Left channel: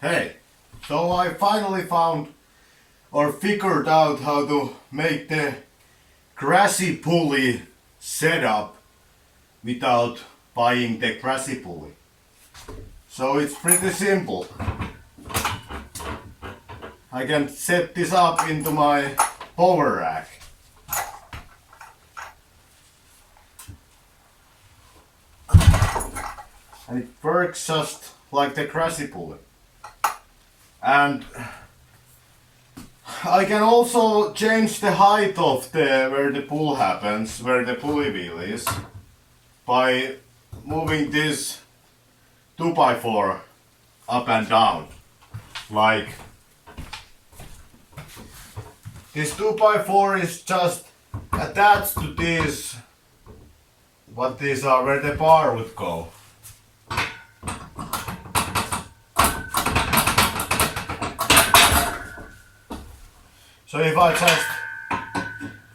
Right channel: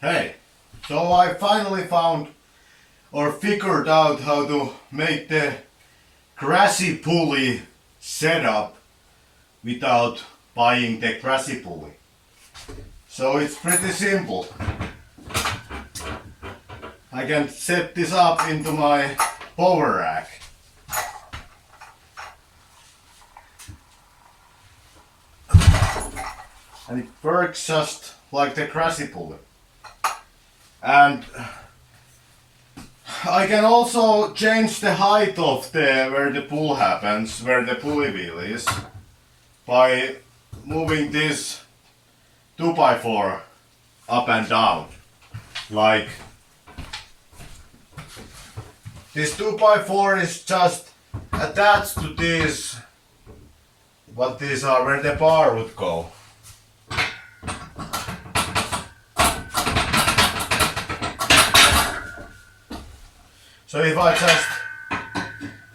Hey, so I finally found or figured out how to make the Krasi pulley setup without buying the Krasi pulley. So it's pretty simple. I can set this up into my power rack. And it works just like the Krasi pulley. And I can also change the height of where the pull happens, where the pulley wheel is, by moving this 2x4 up and down. Like this 2x4 is just attached to this, what these are, where the bar would go. So if I just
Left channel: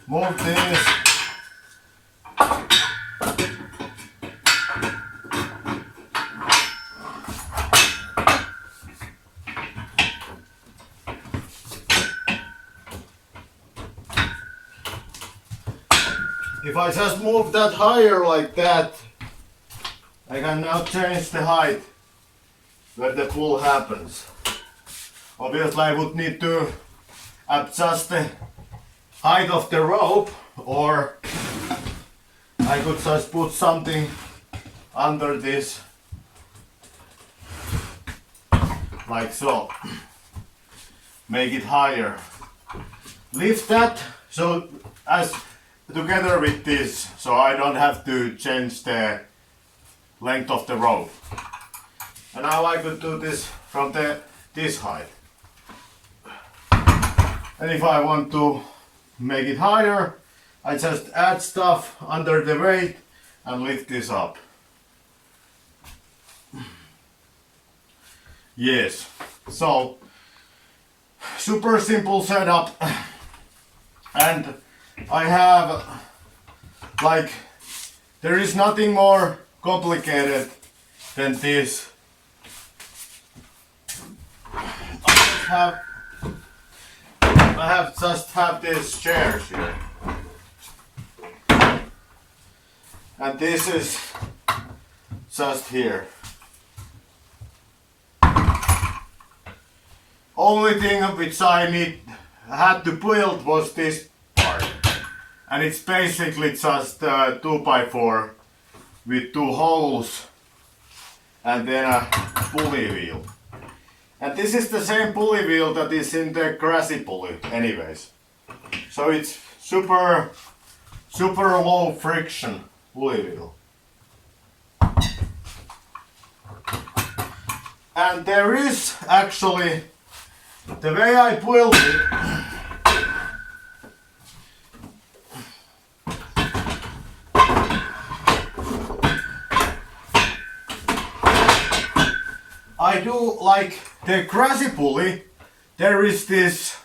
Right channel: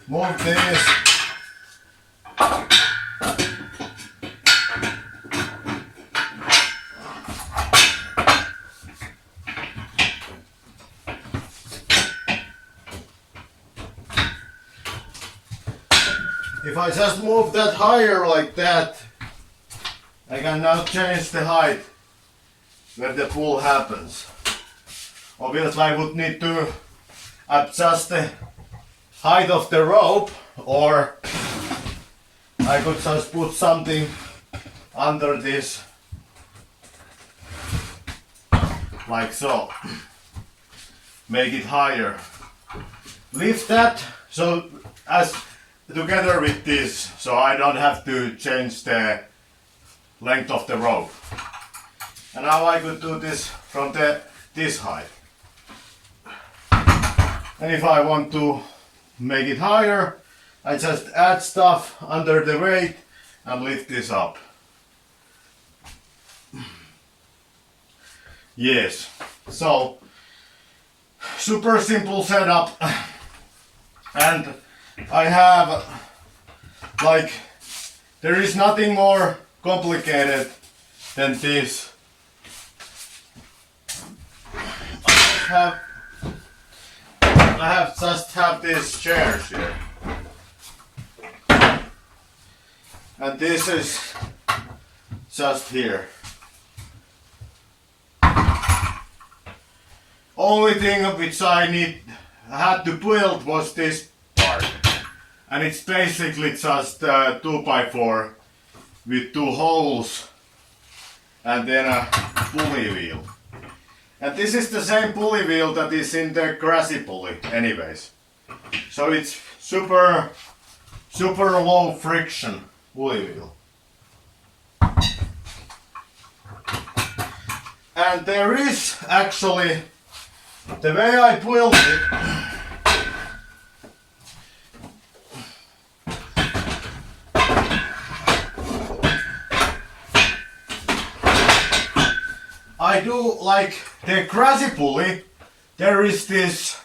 move this, if I just move that higher like that, I can now change the height where the pull happens. Obviously I would need to adjust the height of the rope, or I could just put something under this like so, make it higher, lift that so as together with this, so I don't have to change the length of the rope. And now I could do this from this height. And if I want to make it higher, I just add stuff under the weight and lift this up. Yes, so super simple setup. And I have, like, there is nothing more complicated than this. I just have these chairs here, and this is just here. Only thing which I had to build was this part, and it's basically just a 2x4 with 2 holes and then a pulley wheel. And this is the same pulley wheel that is in the Krasi pulley anyways. So it's super low friction pulley wheel. And there is actually, the way I built it, I do like the Krasi pulley. There is this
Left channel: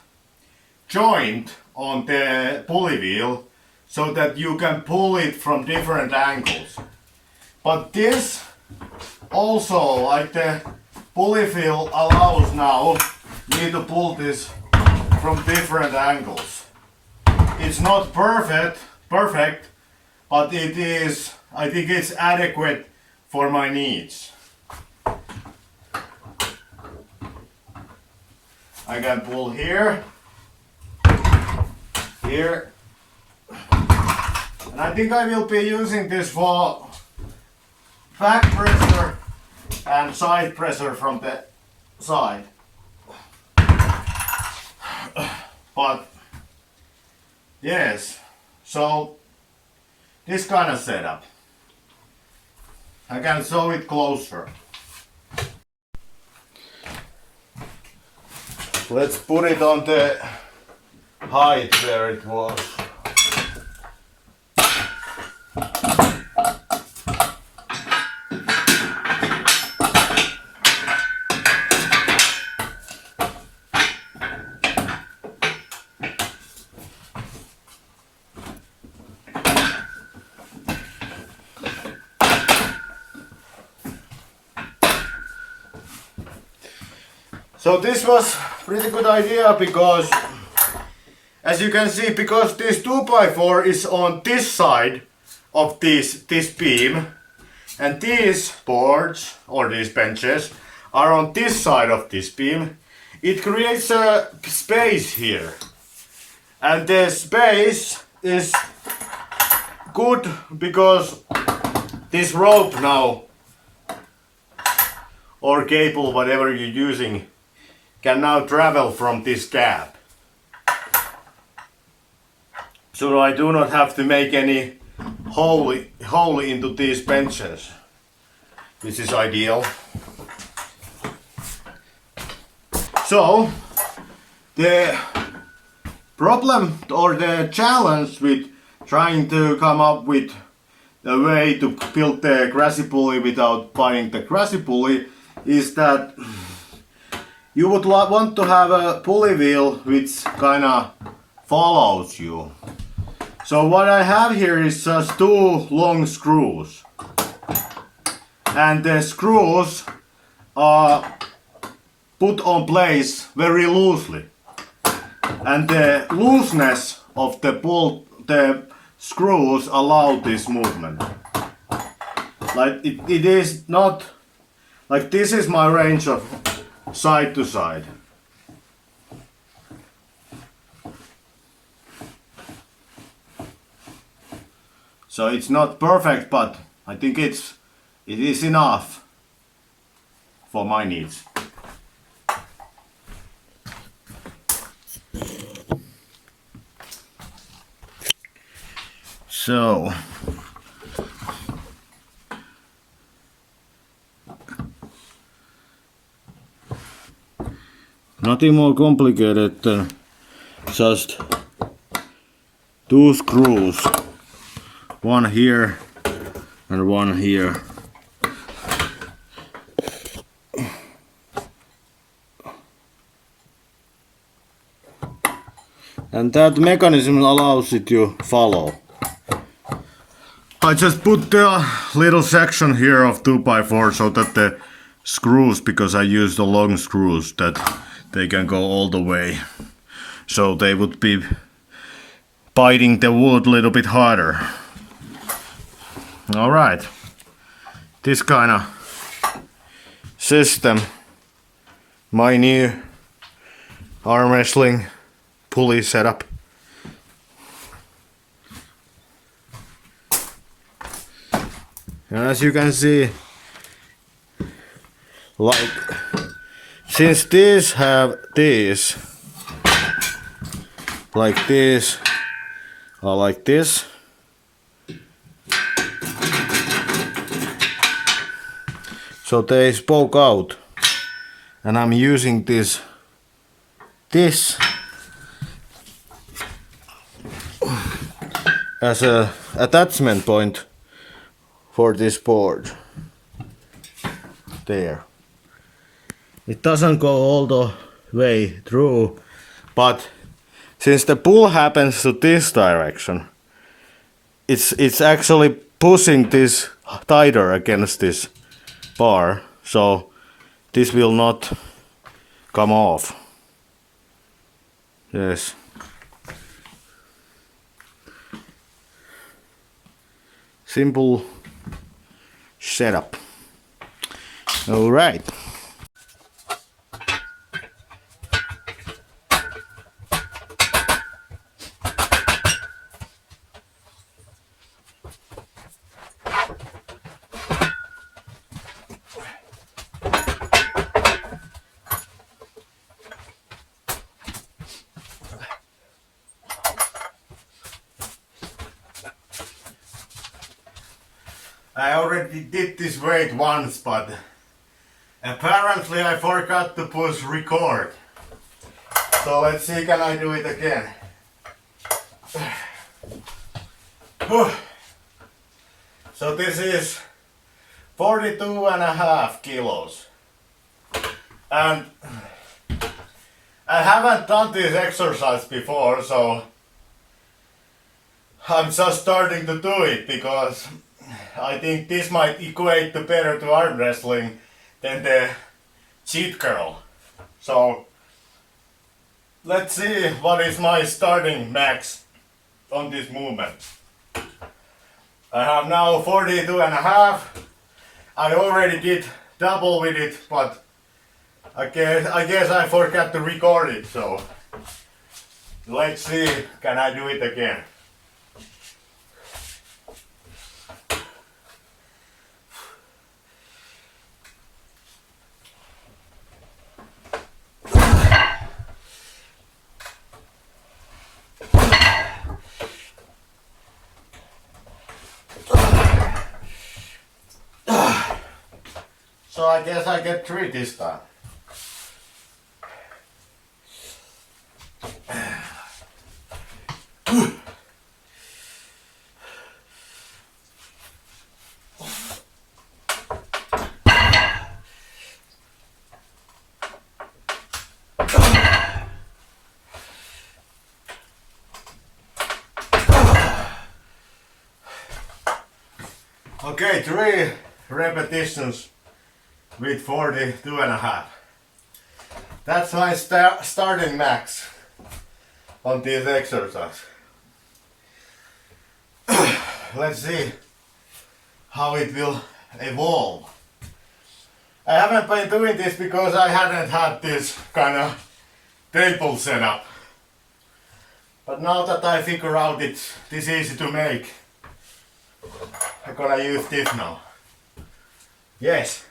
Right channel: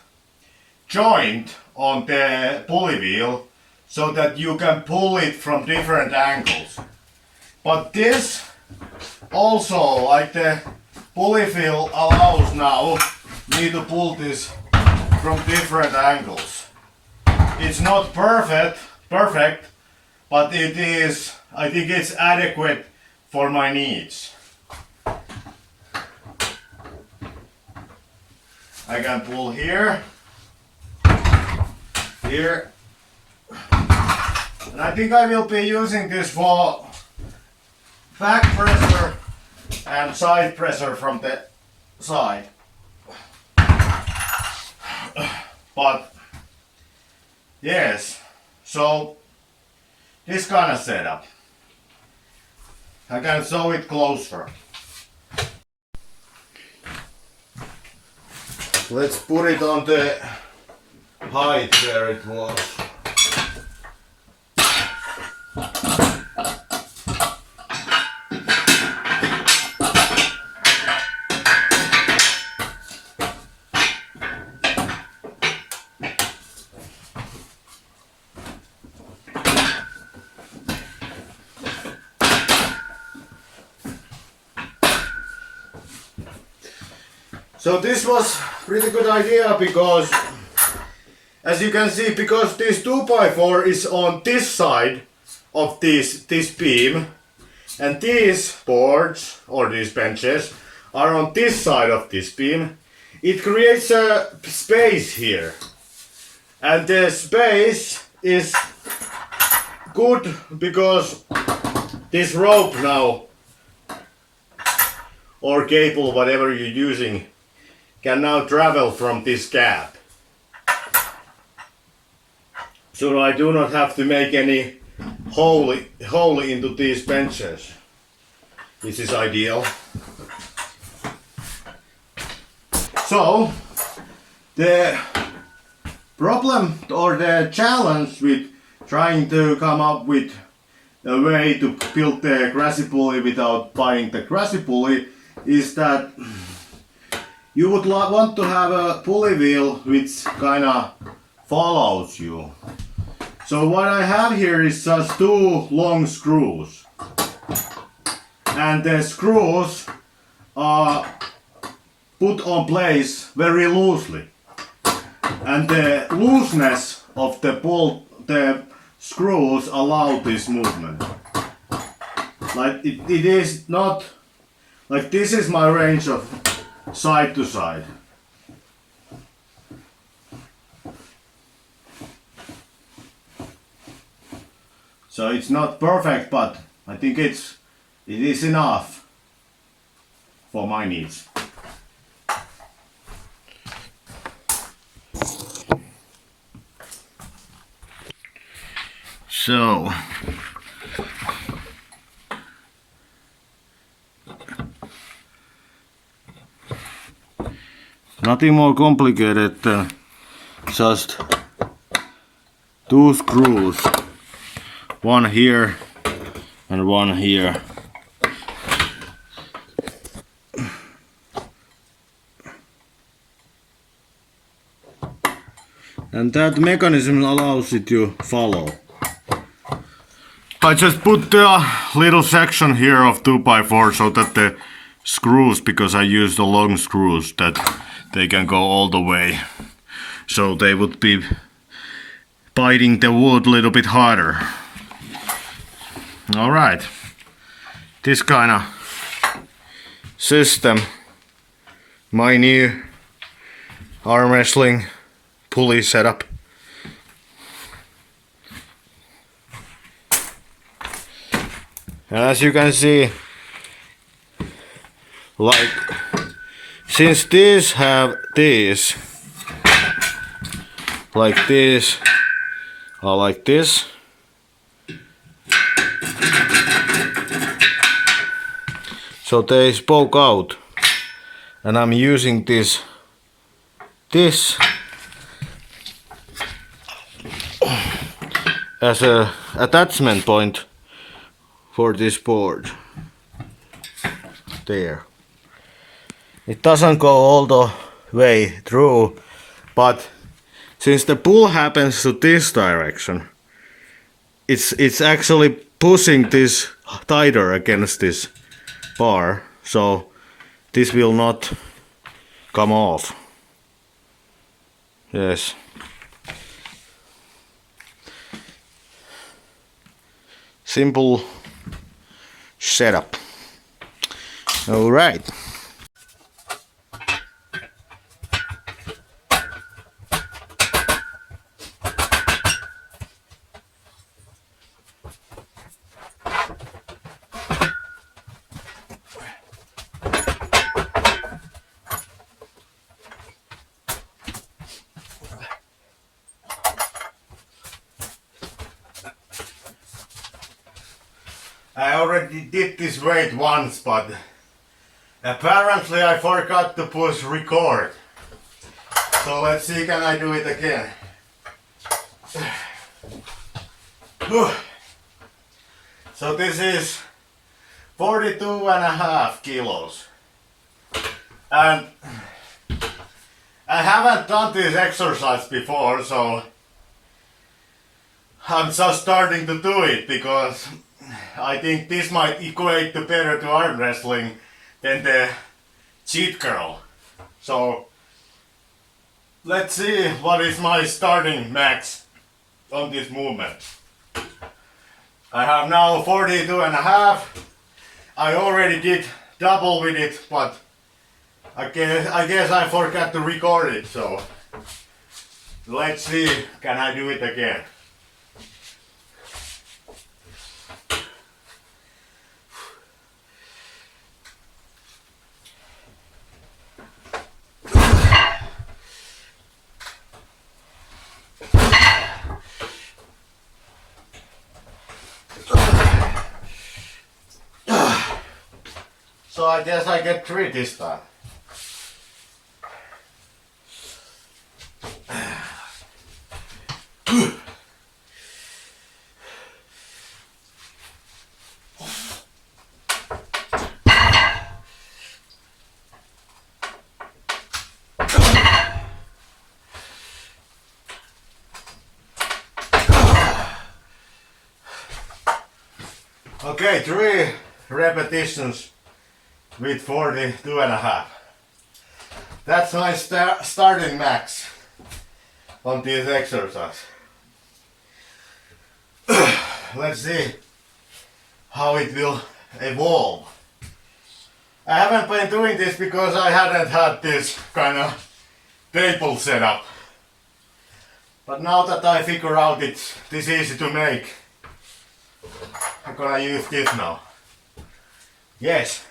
joint on the pulley wheel so that you can pull it from different angles. But this also, like the pulley wheel allows now me to pull this from different angles. It's not perfect, but it is, I think it's adequate for my needs. I can pull here, here, and I think I will be using this for back pressure and side pressure from the side. But yes, so this kind of setup. I can show it closer. Let's put it on the height where it was. So this was pretty good idea because, as you can see, because this 2x4 is on this side of this beam, and these boards or these benches are on this side of this beam, it creates a space here. And the space is good because this rope now, or cable, whatever you're using, can now travel from this gap. So I do not have to make any hole into these benches. This is ideal. So the problem or the challenge with trying to come up with a way to build the Krasi pulley without buying the Krasi pulley is that you would want to have a pulley wheel which kinda follows you. So what I have here is just two long screws. And the screws are put on place very loosely. And the looseness of the screws allow this movement. Like it is not like this is my range of side to side. So it's not perfect, but I think it is enough for my needs. So nothing more complicated than just two screws, one here and one here. And that mechanism allows it to follow. I just put a little section here of 2x4 so that the screws, because I use the long screws, that they can go all the way. So they would be biting the wood a little bit harder. Alright. This kind of system, my new arm wrestling pulley setup. And as you can see, like, since these have this, like this, or like this, so they spoke out, and I'm using this as a attachment point for this board. There. It doesn't go all the way through, but since the pull happens to this direction, it's actually pushing this tighter against this bar, so this will not come off. Yes. Simple setup. All right. I already did this weight once, but apparently I forgot to push record. So let's see, can I do it again? So this is 42.5 kilos. And I haven't done this exercise before, so I'm just starting to do it because I think this might equate to better to arm wrestling than the cheat curl. So let's see what is my starting max on this movement. I have now 42 and a half. I already did double with it, but I guess I forgot to record it, so let's see, can I do it again? So I guess I get 3 this time. Okay, 3 repetitions with 42 and a half. That's my starting max on this exercise. Let's see how it will evolve. I haven't been doing this because I hadn't had this kind of table setup. But now that I figure out it's this easy to make, I'm gonna use this now. Yes.